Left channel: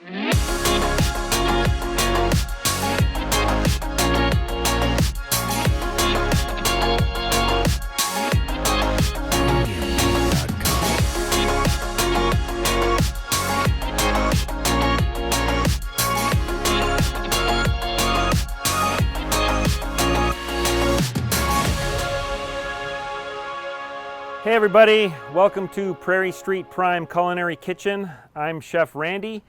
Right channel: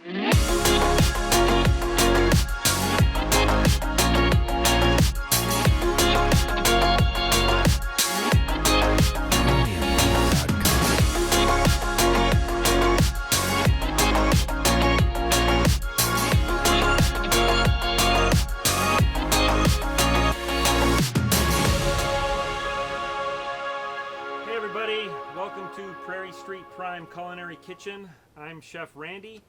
Hey everybody, welcome to Prairie Street Prime Culinary Kitchen. I'm Chef Randy.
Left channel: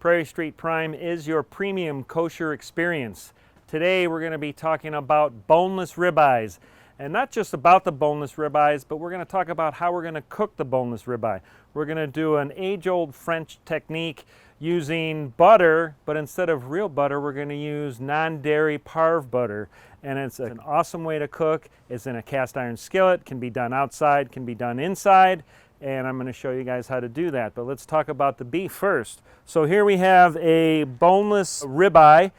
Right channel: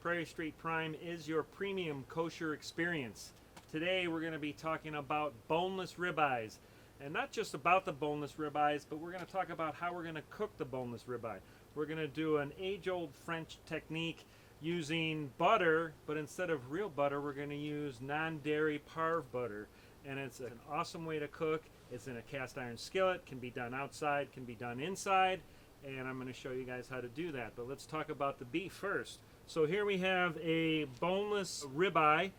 Prairie Street Prime is your premium kosher experience. Today we're going to be talking about boneless ribeyes. And not just about the boneless ribeyes, but we're going to talk about how we're going to cook the boneless ribeye. We're going to do an age-old French technique using butter, but instead of real butter, we're going to use non-dairy parve butter. And it's an awesome way to cook. It's in a cast iron skillet, can be done outside, can be done inside, and I'm going to show you guys how to do that. But let's talk about the beef first. So here we have a boneless ribeye.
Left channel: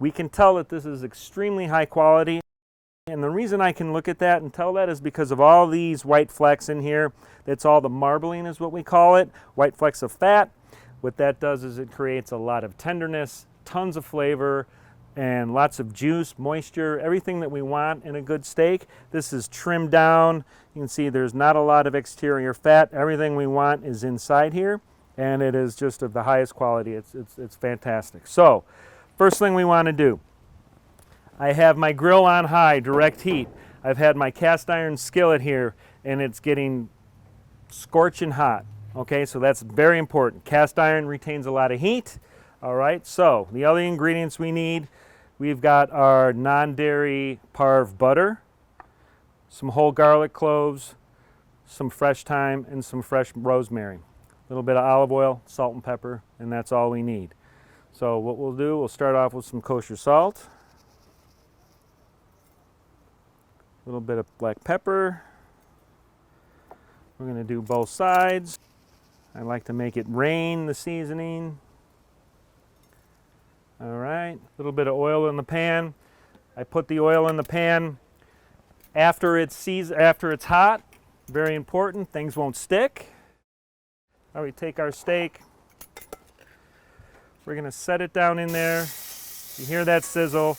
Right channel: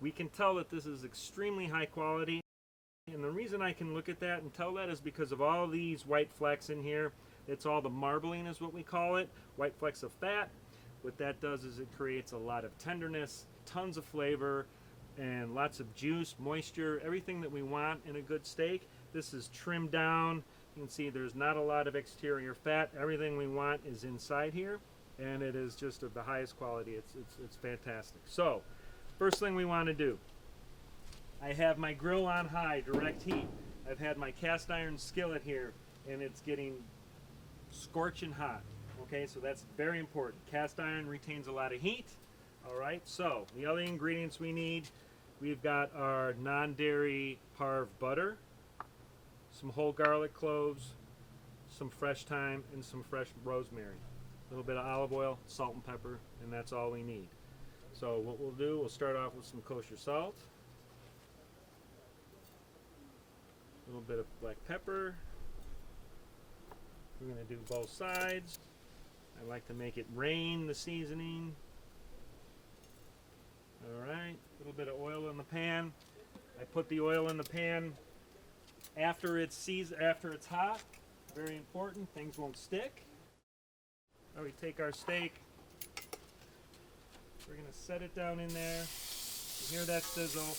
We can tell that this is extremely high quality, and the reason I can look at that and tell that is because of all these white flecks in here. That's all the marbling is what we call it, white flecks of fat. What that does is it creates a lot of tenderness, tons of flavor, and lots of juice, moisture, everything that we want in a good steak. This is trimmed down. You can see there's not a lot of exterior fat. Everything we want is inside here, and it is just of the highest quality. It's fantastic. So, first thing we want to do, I have my grill on high, direct heat. I've had my cast iron skillet here, and it's getting scorching hot. Okay, so that's very important. Cast iron retains a lot of heat. All right, so the other ingredients we need, we've got our non-dairy parve butter, some whole garlic cloves, some fresh thyme, and some fresh rosemary. A little bit of olive oil, salt and pepper, and that's all we need. So what we'll do, we'll start off with some kosher salt, a little bit of black pepper. We're going to do both sides. I like to make it rain the seasoning. All right, a little bit of oil in the pan. I put the oil in the pan after it's hot. Very important, things won't stick. Now we take our steak. We're gonna set it down in there. You hear that sizzle.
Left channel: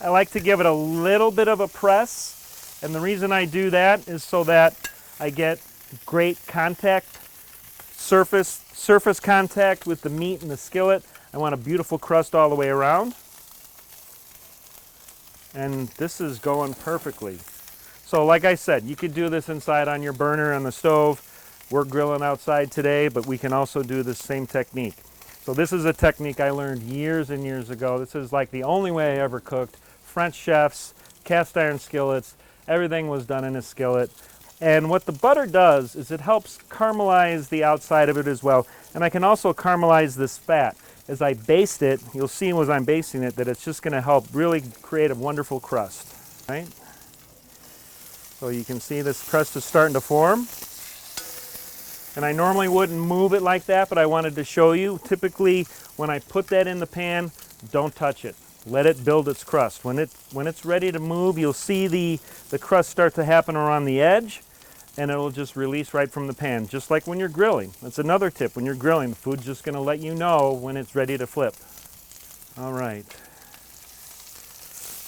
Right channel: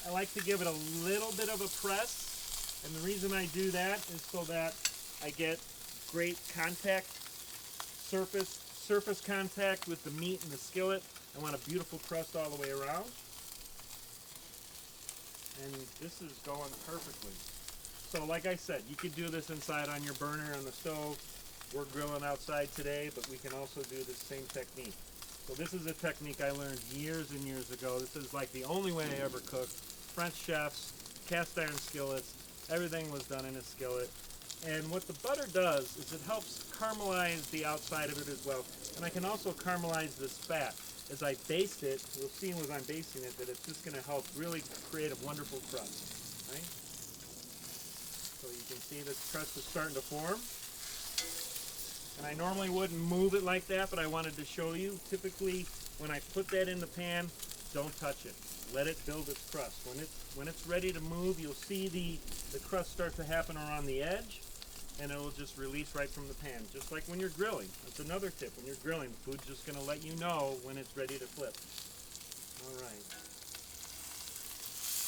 I like to give it a little bit of a press, and the reason I do that is so that I get great contact, surface contact with the meat in the skillet. I want a beautiful crust all the way around. And this is going perfectly. So like I said, you could do this inside on your burner on the stove. We're grilling outside today, but we can also do the same technique. So this is a technique I learned years and years ago. This is like the only way I ever cooked. French chefs, cast iron skillets, everything was done in a skillet. And what the butter does is it helps caramelize the outside of it as well. And I can also caramelize this fat. As I baste it, you'll see as I'm basting it that it's just going to help really create a wonderful crust. Right? So you can see this crust is starting to form. And I normally wouldn't move it like that, but I wanted to show you. Typically, when I put that in the pan, don't touch it. Let it build its crust. When it's ready to move, you'll see the crust start to happen around the edge, and it'll just release right from the pan, just like when you're grilling. That's another tip. When you're grilling, the food's just going to let you know when it's ready to flip. All right.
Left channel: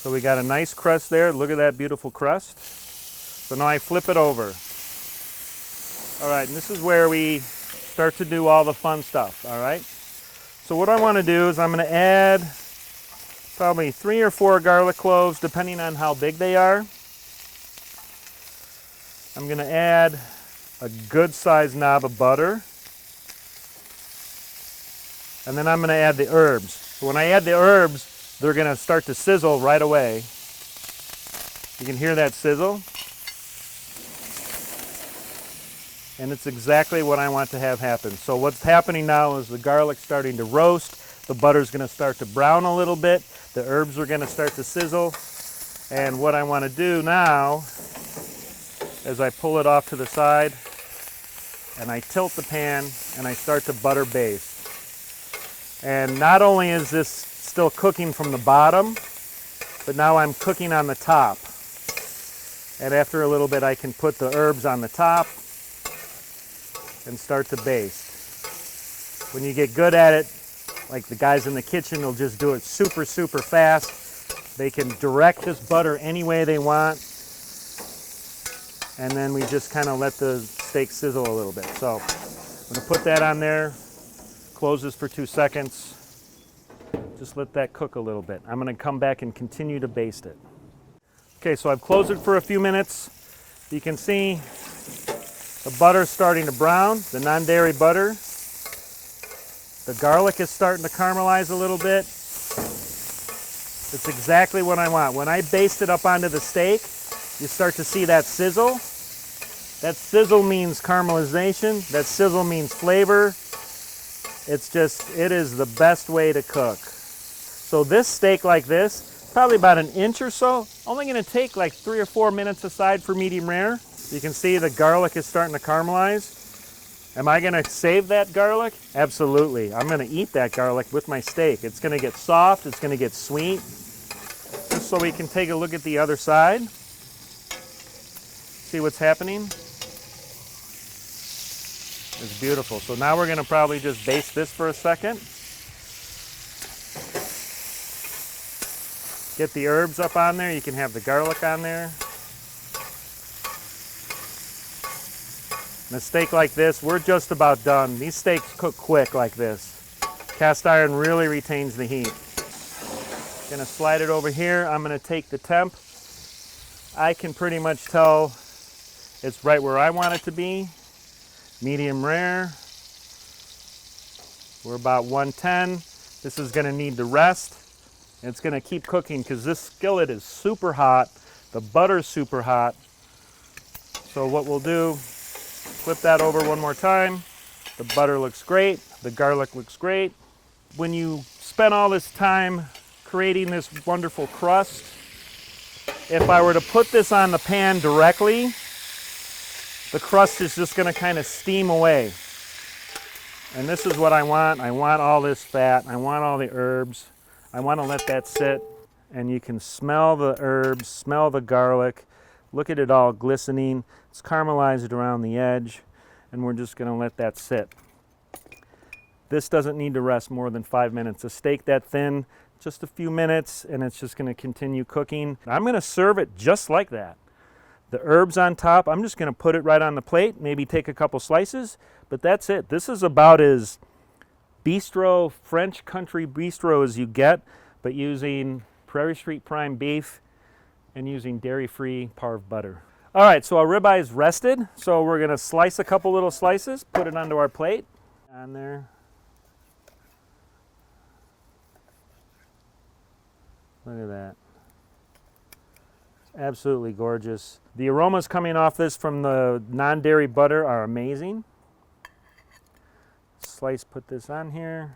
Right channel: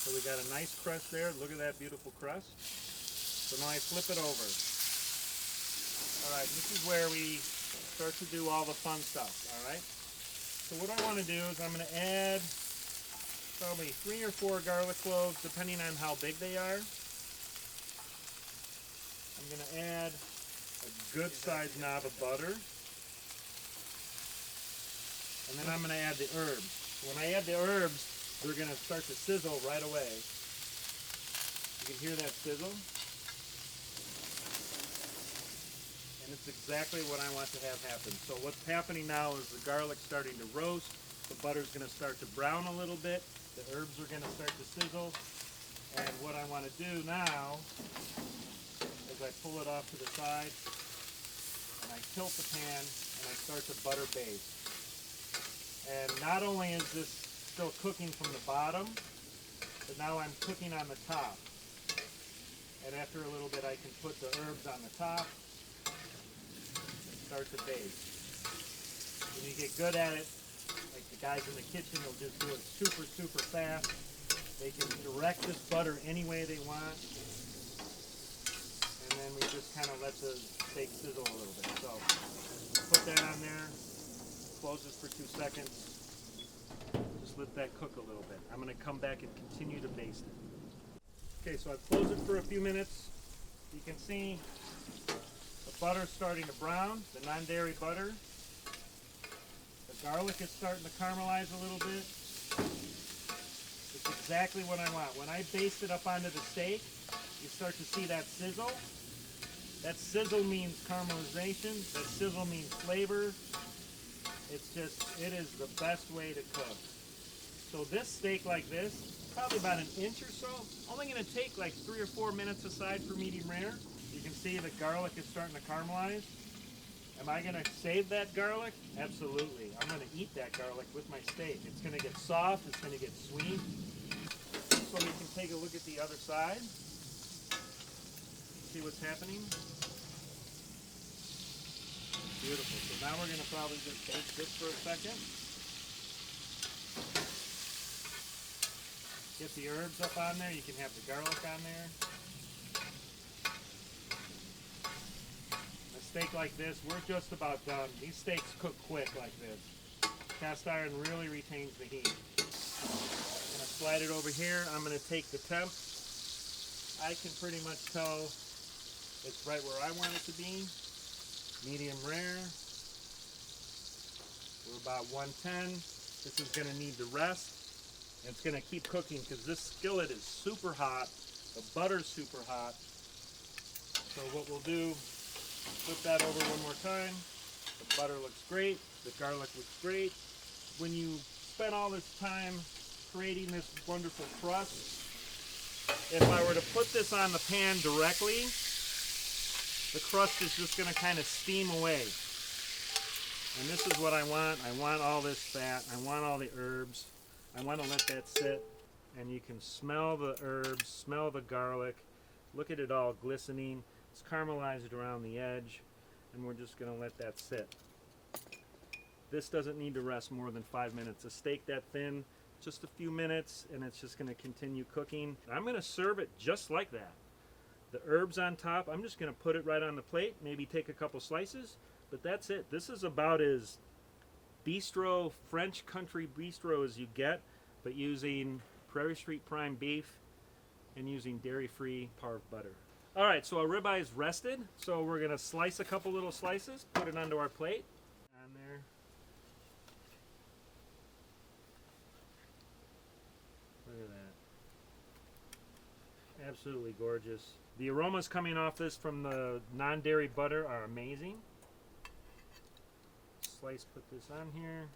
So we got a nice crust there. Look at that beautiful crust. So now I flip it over. All right, and this is where we start to do all the fun stuff, all right? So what I want to do is I'm going to add probably 3 or 4 garlic cloves, depending on how big they are. I'm going to add a good sized knob of butter. And then I'm going to add the herbs. So when I add the herbs, they're going to start to sizzle right away. You can hear that sizzle. And it's exactly what I want to have happen. So what's happening now is the garlic's starting to roast. The butter's going to start to brown a little bit. The herbs are going to start to sizzle. And what I want to do now is I pull it off to the side and I tilt the pan and I start to butter baste. And not only is this still cooking from the bottom, but now I'm cooking on the top. And after a little bit I can put the herbs on the top and start to baste. When you get good at it, like the guys in the kitchen will just do it super, super fast. They can direct this butter any way they want. And then we just kind of let the steak sizzle a little bit. So I'm gonna put that on there, close this for 2 seconds. Just let that cook a little bit. I'm gonna come back and continue to baste it. Okay, so I've closed it for a few minutes. You can see the butter's starting to brown, the non-dairy butter. The garlic is starting to caramelize a little bit. It's exactly what I want. When I baste it up onto the steak, you start to see that sizzle. That sizzle means caramelization. That sizzle means flavor. It is the best way to cook. So this steak like this, probably about an inch or so, only gonna take like 3 or 4 minutes aside for medium rare. You can see the garlic is starting to caramelize. Am I gonna save that garlic? Absolutely. I'm gonna eat that garlic with my steak. It's gonna get soft, it's gonna get sweet. Just so we can take a look at the other side. See what's happening? It's beautiful. So now we're gonna probably just baste this for a second. Get the herbs up on there. You can have the garlic on there. And a steak like this, we're just about done. These steaks cook quick like this. Cast iron really retains the heat. Gonna slide it over here. I'm gonna take the temp. I can pretty much tell it's right where I want it to be. Medium rare. We're about 110. This is gonna need to rest. It's gonna keep cooking because this skillet is super hot. The butter's super hot. So what we'll do, flip that over one more time. The butter looks great. The garlic looks great. When you spend all this time creating this wonderful crust, if I were to put this on the pan directly, the crust is just gonna kind of steam away. And this is what I want. I want all this fat. I want all the herbs. I want to let that sit. And you can smell the herbs, smell the garlic. Look at it all glistening. It's caramelized around the edge. And we're just gonna let that sit. This doesn't need to rest more than 5 minutes. A steak that thin, just a few minutes, and it's just gonna continue cooking. I'm gonna serve it just like that. The herbs on top, I'm just gonna put it right on the plate, maybe take a couple slices, but that's it. This is about as bistro, French country bistro as you get, but using Prairie Street prime beef and using dairy-free parve butter. All right, so our ribeye is rested, so we're gonna slice a couple little slices, put it onto our plate. On there. Look at that. Absolutely gorgeous. The aromas coming off this from the non-dairy butter are amazing. Slice, put this on here.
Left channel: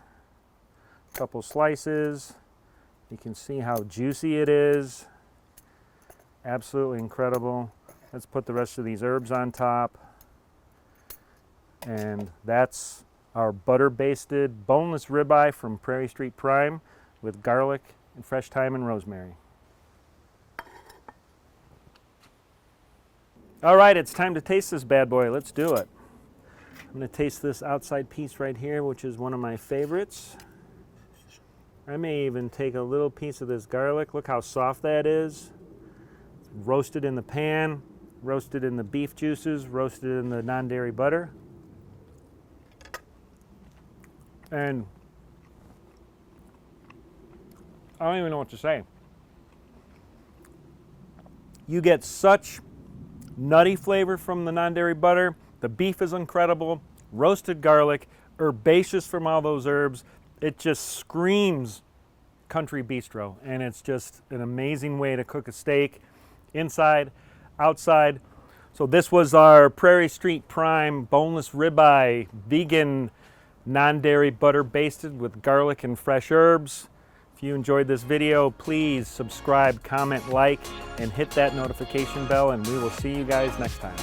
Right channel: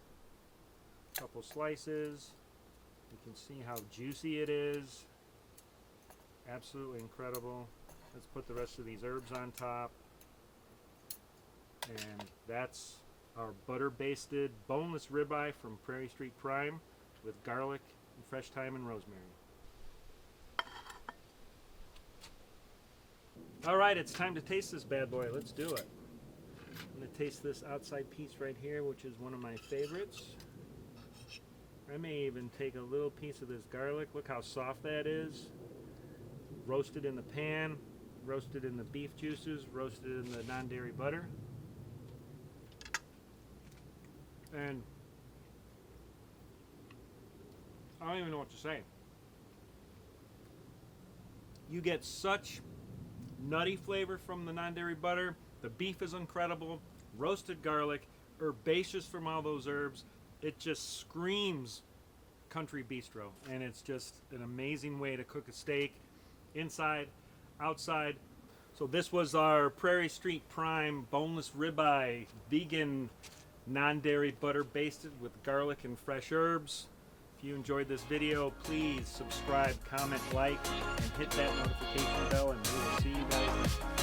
Couple slices. You can see how juicy it is. Absolutely incredible. Let's put the rest of these herbs on top. And that's our butter basted boneless ribeye from Prairie Street Prime with garlic and fresh thyme and rosemary. All right, it's time to taste this bad boy. Let's do it. I'm going to taste this outside piece right here, which is one of my favorites. I may even take a little piece of this garlic. Look how soft that is. Roasted in the pan, roasted in the beef juices, roasted in the non-dairy butter. And I don't even know what to say. You get such nutty flavor from the non-dairy butter. The beef is incredible. Roasted garlic, herbaceous from all those herbs. It just screams country bistro, and it's just an amazing way to cook a steak, inside, outside. So this was our Prairie Street Prime boneless ribeye, vegan, non-dairy butter basted with garlic and fresh herbs. If you enjoyed this video, please subscribe, comment, like, and hit that notification bell, and we will see you guys next time.